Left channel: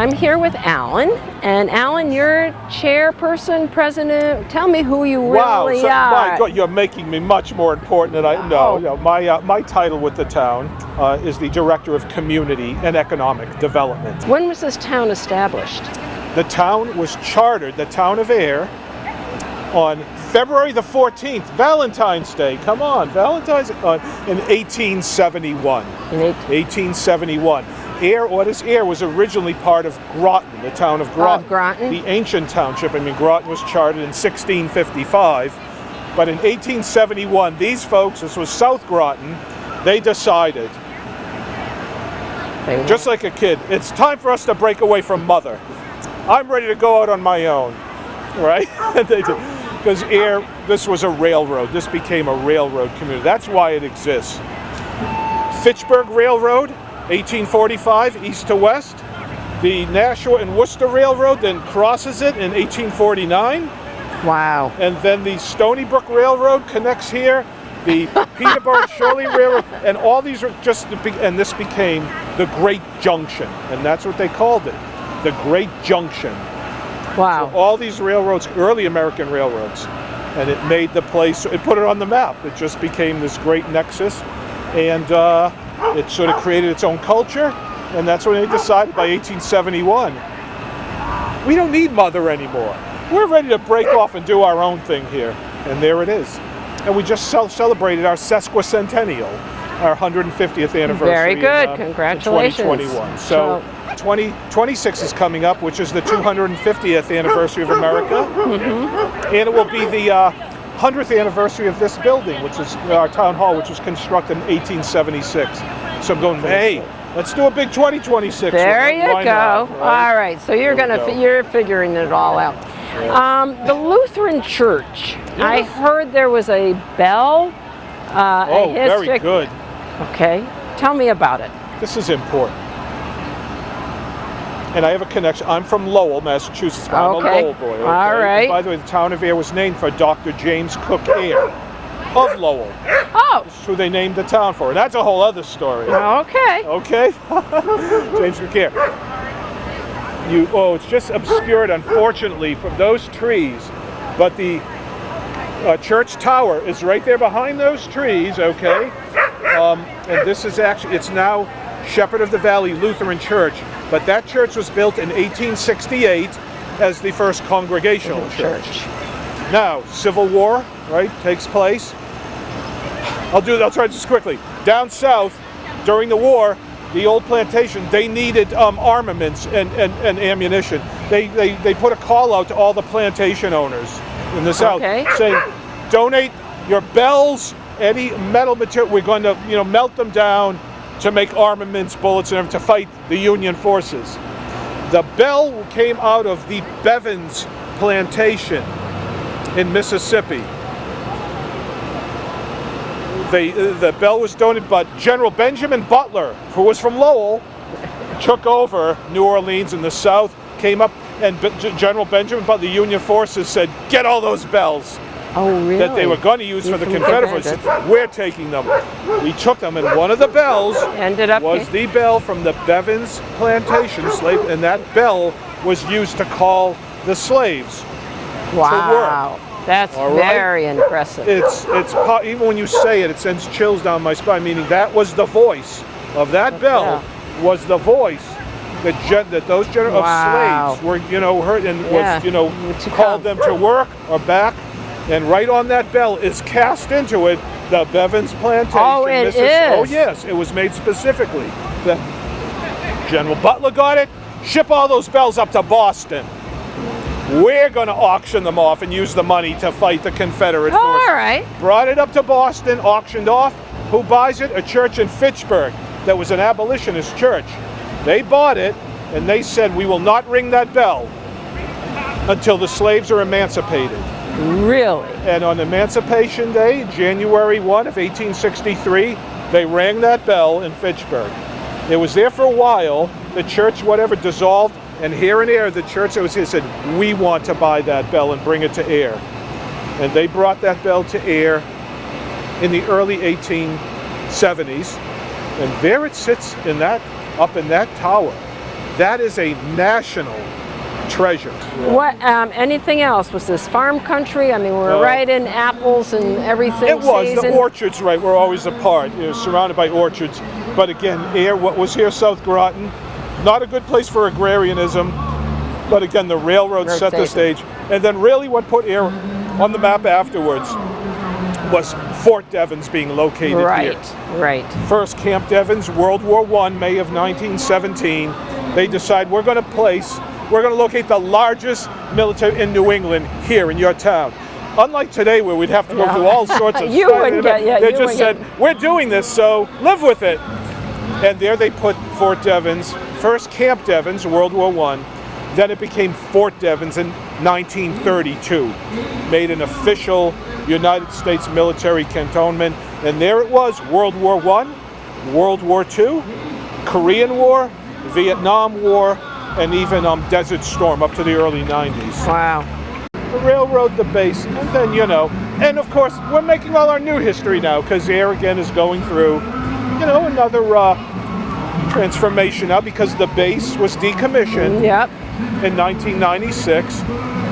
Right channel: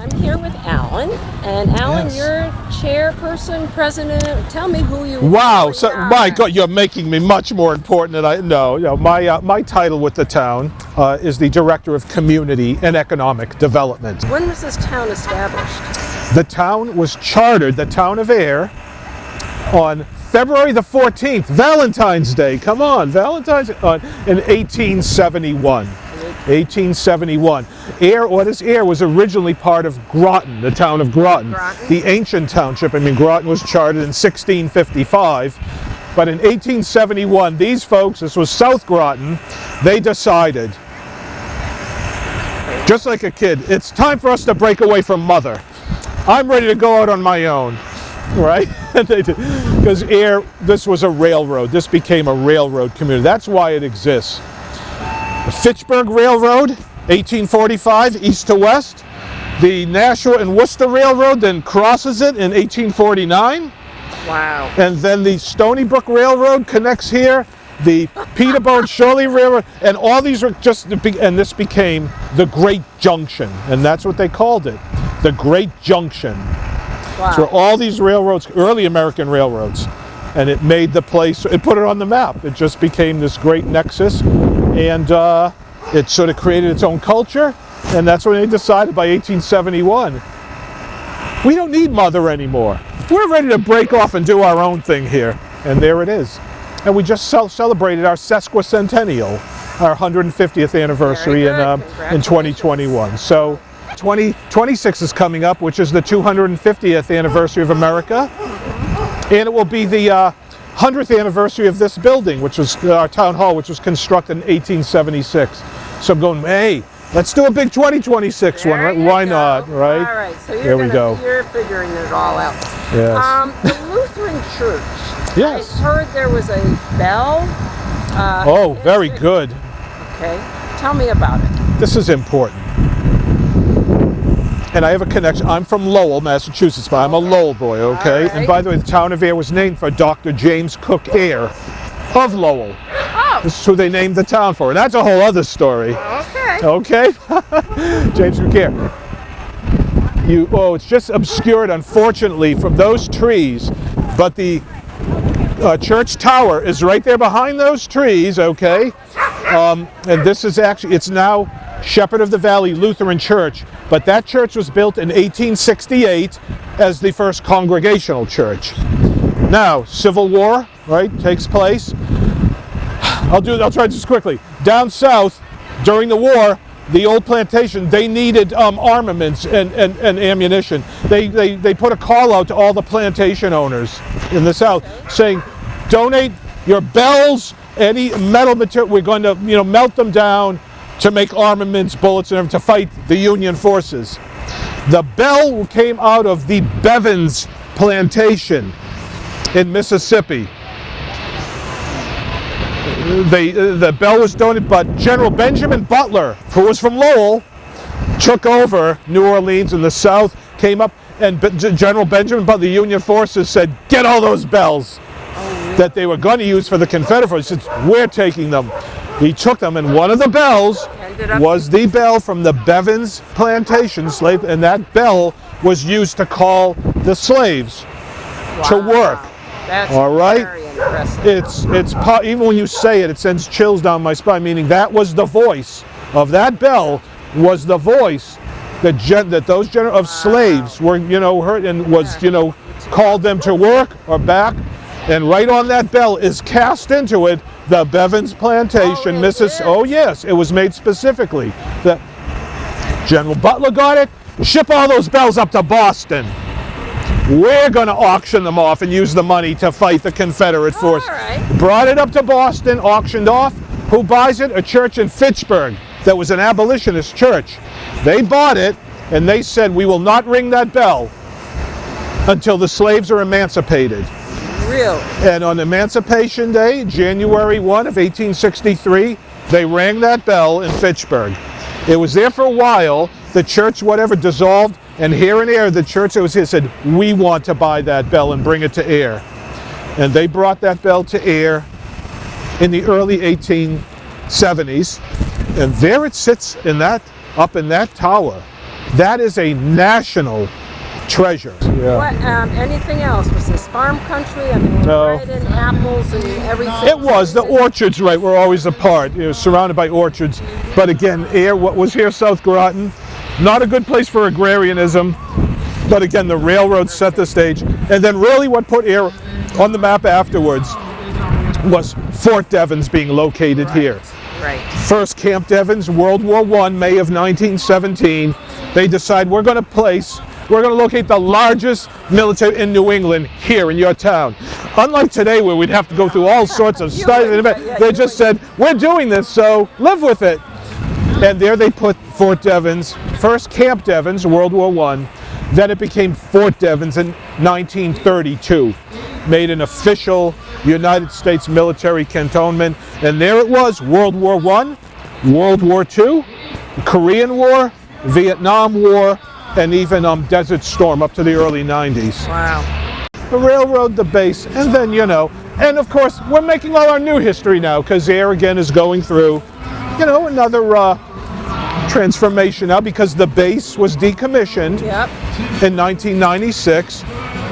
I'm here with Alan, and Alan, Yes. you're chairperson, president. Tell me who you Wow, really so, are. my God, you're making me much more important than I know. Oh. You know, my title with the town is the Director of Community and Economic Development. When was this town established? The town was chartered, the town of Ayer, on February the 14th, Valentine's Day. Come on, Valentine's Day, in 1871. In 1871. Ayer, what is Ayer, was originally part of Groton, the town of Groton. Groton. The ancient township. I mean, Groton was chartered in 1655, but in 1871, these folks, this was South Groton, they decided, just like a kid, it's time for us to break away from mother. I'm ready to go out on my own. Right? Because Ayer, this was a railroad. This became a railroad community. That's why it exists. The Fitchburg Railroad, 1845, east to west. The Nashua and Worcester Railroad then crosses it in 1849. Wow. And then the Stony Brook Railroad connects here. The Peterborough Shirley Railroad, and all these are just, and this became the Great Junction. And that's what they called it, the Great Junction. Wow. So all these railroads, early American railroads, and it made the place, it put it on the map. It just became this great nexus, and it sort of created its own culture, and that's when they decided by 1871, we don't need mother anymore. We're ready to break off and do our own thing here, and there it is. And we just celebrated our sesquicentennial, our 150th anniversary in 2021. So 2026 is coming up, which is the 250th anniversary of America, and it will be the 100th anniversary of this building, which is our town hall, which was constructed in 1876. So I'm going, hey, let's do a big 2026 one. There you Why go. not? Right? All right. So you're you're figuring it all out. Yes. The Lutheran Church. Yes. I heard there was a bell. Oh, very good. Okay. Tell me about it. This is important. And I have a connection. I'm from Lowell, Massachusetts, but I'm a Lowell boy, okay? All right. And by the way, the town of Ayer was named for Dr. James Cook Ayer of Lowell. Oh. This is who they named the town for. And that's a whole other story. Okay. Okay? James Cook Ayer. It's just obscured, unfortunately, from those trees, but the church tower is right there behind those trees, okay? And this is actually, it's now Shepherd of the Valley Lutheran Church, but that church was built in 1868 as the first congregational church. Now, Civil War, right, takes place. I'll try just quickly. Down south, during the war, the old plantation, they needed armaments and ammunition. They put a call out to all the plantation owners in the south saying, donate your bells, any metal material, we're going to melt them down to make armaments, bullets, and to fight the Union forces. The bell came out of the Bevins plantation in Mississippi. The bell was donated, but General Benjamin Butler, who was from Lowell, took over New Orleans in the south, came up, and General Benjamin Butler, the Union forces said, get all those bells that they were going to use for the Confederates. He said, we're taking them. We took them, and one of the bells was the bell from the Bevins plantation slave, and that bell was used to call the slaves to work. That's all right? Very impressive. It's even when you say it, it sends chills down my spine. Meaning that was the voice of that bell was the voice that those of slaves were heard and was called them to work or back, and right on that bell is cast into it the Bevins plantation, Mrs. Oh yes, it was made specifically. General Butler got it. Ship all those bells up to Boston. We're going to auction them off and use the money to fight the Confederate force. All right. Brought it up to Boston, auctioned off. Who buys it? A church in Fitchburg that was an abolitionist church. They bought it, and they said, we will not ring that bell until the slaves are emancipated. Really? And on Emancipation Day, January 1 of 1863, they rang that bell in Fitchburg. It was there for a while. The church, dissolved. And here in Ayer, the church that was here said, we want to buy that bell and bring it to Ayer. And they brought that bell to Ayer in the early 1870s. And there it sits up in that tower. That is a national treasure. Yeah. What? Anything else? Was this farm country? I mean, we're No. right in apples and everything. It was. The season. orchards, right, were always apart, surrounded by orchards. But again, Ayer, what was here, South Groton, not a good place for agrarianism. But again, the railroad set the stage. And then really what put Ayer on the map afterwards was Fort Devens being located here. Right. First Camp Devens, World War I, May of 1917. They decide we're going to locate the largest military in New England here in your town. Unlike today where we'd have to go through all sorts of stuff. They just said, we're doing this, so live with it. And there they put Fort Devens, first Camp Devens, World War I. Then it became Fort Devens in 1932, made an official United States military cantonment. And there it was, World War I, World War II, Korean War, Vietnam War, and even Desert Storm up to the early 90s. Wow. The railroad, the base, and then, and of course, we're making all our new history now because Ayer again is going through, another transformation now because the base was decommissioned in 1996.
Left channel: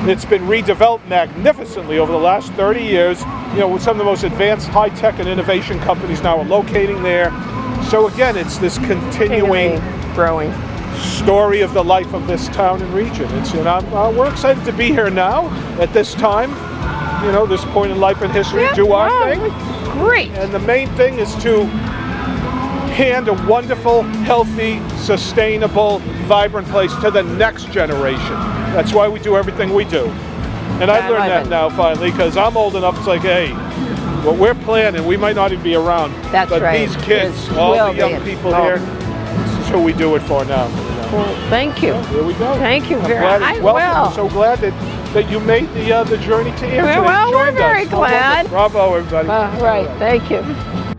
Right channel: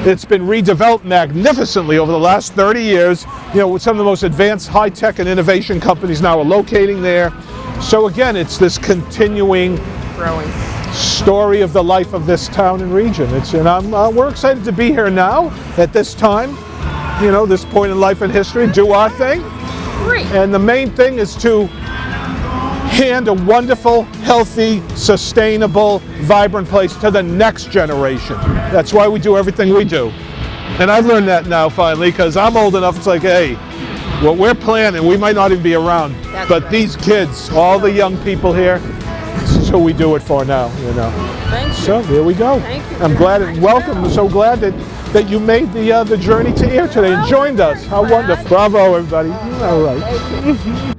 It's been redeveloped magnificently over the last 30 years. With some of the most advanced high-tech and innovation companies now are locating there. So again, it's this continuing growing story of the life of this town and region. We're excited to be here now at this time, this point in life and history, do our thing. Great. And the main thing is to hand a wonderful, healthy, sustainable, vibrant place to the next generation. That's why we do everything we do. And I've learned that now finally, because I'm old enough, it's like, hey, what we're planning, we might not even be around. But these kids, all the young people here, this is who we do it for now. Thank you. So here we go. Thank you. I'm glad and welcome. I'm so glad that you made the journey to Ayer today and joined us. How wonderful. Bravo, everybody. All right. Thank you.